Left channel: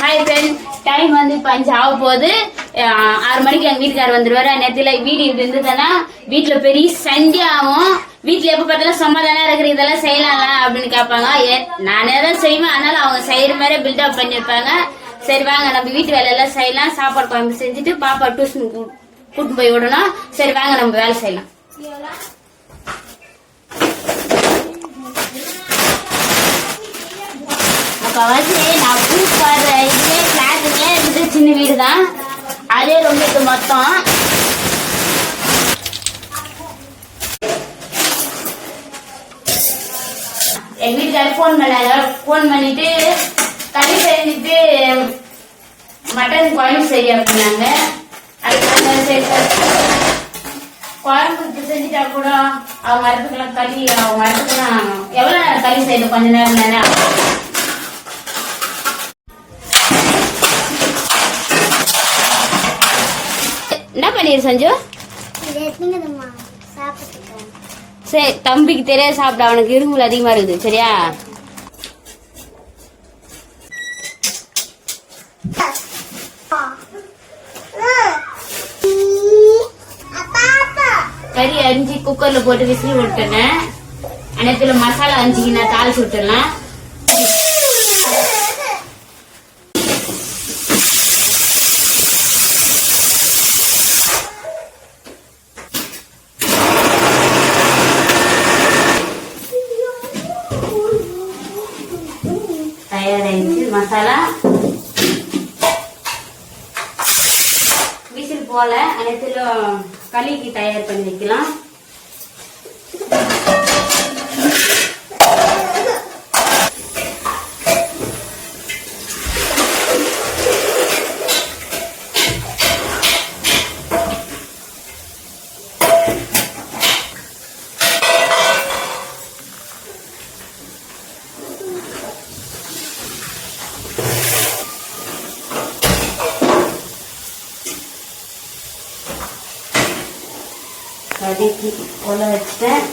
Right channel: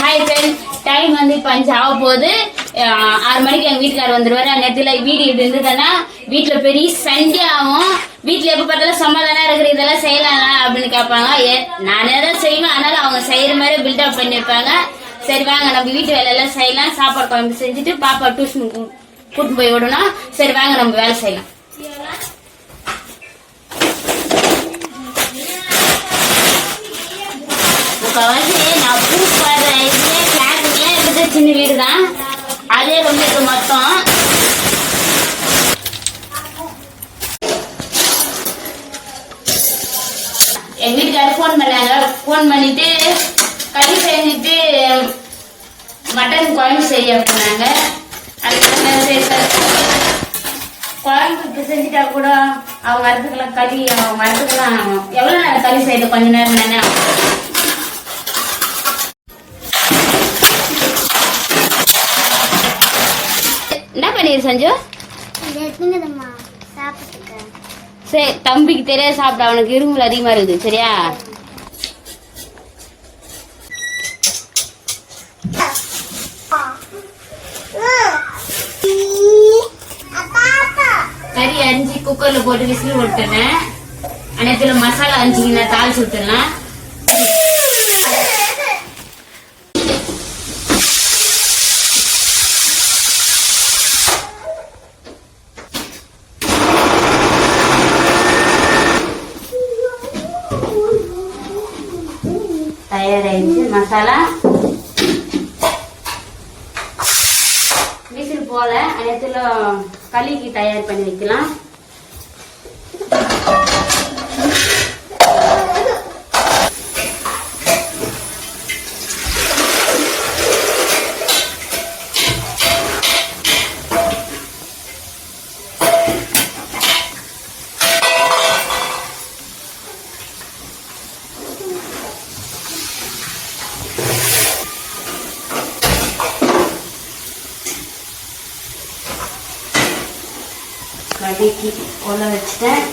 Hi friends time வந்து இப்போ அஞ்சு ஆக போகுது. ஆறு மணிக்கு எங்கள் வீட்டுக்காரர் வந்துடுவார் நேரத்தில் வீடு இப்படி இருந்ததுன்னா வீட்டில் பெரிய சண்டே ஆகும். வீட்டில் எப்போ பார்த்தாலும் சமாதானம் இருக்கிற இதெல்லாம் செய்யலாம்ல அப்படின்னு கேட்பாங்க. ஏ நானே தான் செய்வேன். அதனால அவங்க செய்கிற மாதிரி பில்டப் பண்ணியிருப்பாங்க. சரி வாங்க நம்ம வீட்டு வேலையெல்லாம் செய்யலாம். சாப்பாடு குழம்பு செஞ்சுட்டு பாப்பா டியூஷன் கூட்டு போய் விடணும். சரி வாங்க நம்ம வேலை செய்யலாம். முக்கால்வாசி நான் புதுசு பாடுற இதுலேயே ஃப்ளாட்டுலேயே இருக்குது சின்ன வீடு தான் அதே ரொம்ப இது மொத்தம் எங்கள் வீட்டுக்காரர் ஃபோன் பண்ணாங்க ஃபோன் பண்ணிவிட்டு களி செஞ்சுட்டு மட்டன் குழம்பு செய்ய அப்படின்னாங்க அதுக்கு சரி குழம்புக்கு செஞ்சுட்டா கூட அவங்க வரதுக்கெல்லாம் களி அவங்க வரதுக்கெல்லாம் எவ்வளோ நேரம் களி செய்யணும்? கொஞ்ச நேரம் தானே சஞ்சு? சரி தம்பிக்கு தெரியாது சாப்பிட அவனுக்கு இருமல் அதிகமா இருக்குது சரியா? கறி அரிஞ்சு குக்கர்ல போட்டு விசில் விட்டுனேன் அனைத்துல மசாலா அரிஞ்சிக்கு நான் தாளிச்சு விட்டுடலாம் தயாராகிடுச்சு மசாலா. விசில் போல அனைத்துல களிக்கு தயார் பண்ணி வைக்கலாம். வதக்கி உல வச்சுட்டேன்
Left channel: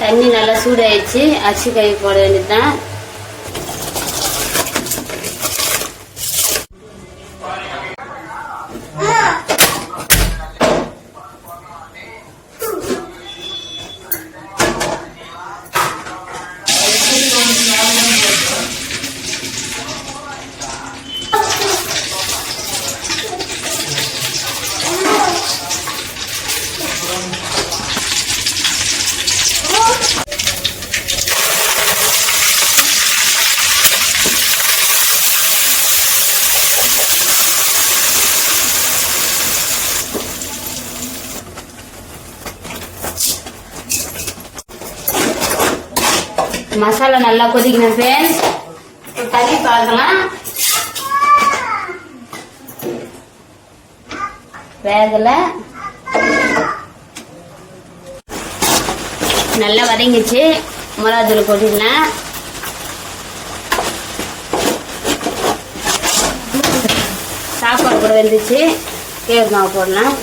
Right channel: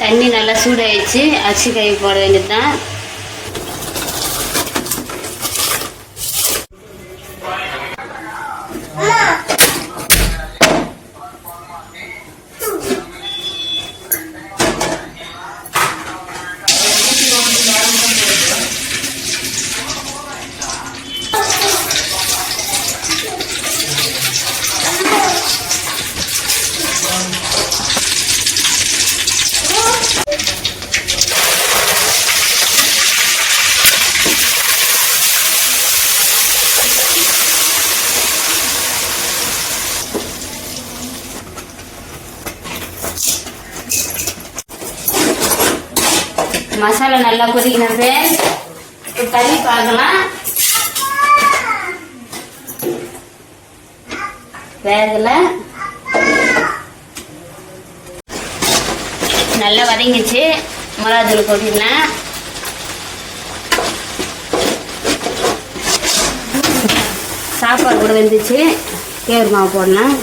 தண்ணி நல்லா சூடாயிடுச்சு. அரிசி கை போட வேண்டியதுதான். மசாலா நல்லா கொதிக்கணும் ஃப்ரெண்ட்ஸ் தண்ணி பார்க்கலாம் வேகல. நல்லா வதங்கிச்சு. மிளகாத்தூள் கொட்டிக்கலாம் சாப்பாடு வெந்துச்சு. கேர் மாவு போடலாம்.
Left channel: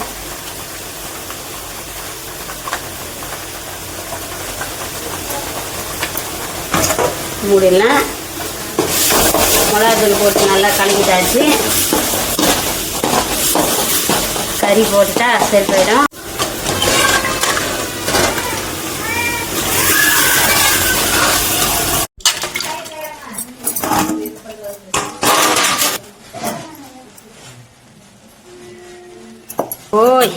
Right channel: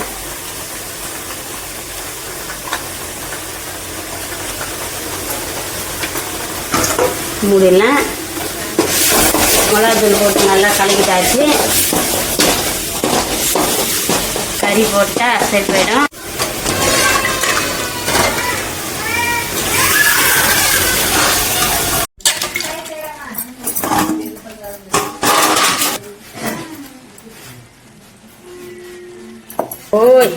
மூடிடலாம். மிளகாத்தூள் போட்டு நல்லா கலக்கிட்டாச்சு. கறி போட்டால் சரி போயிடும். ஓய்.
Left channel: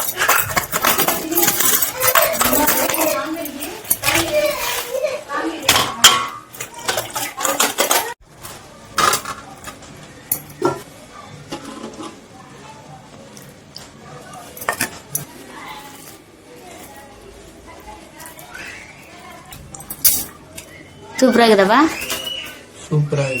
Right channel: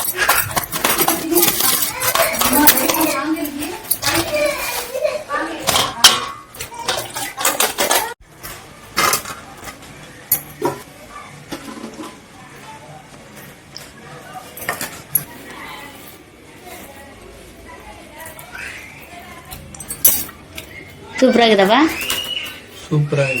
சூப்பராக இருக்குதாப்பா சூப்பராக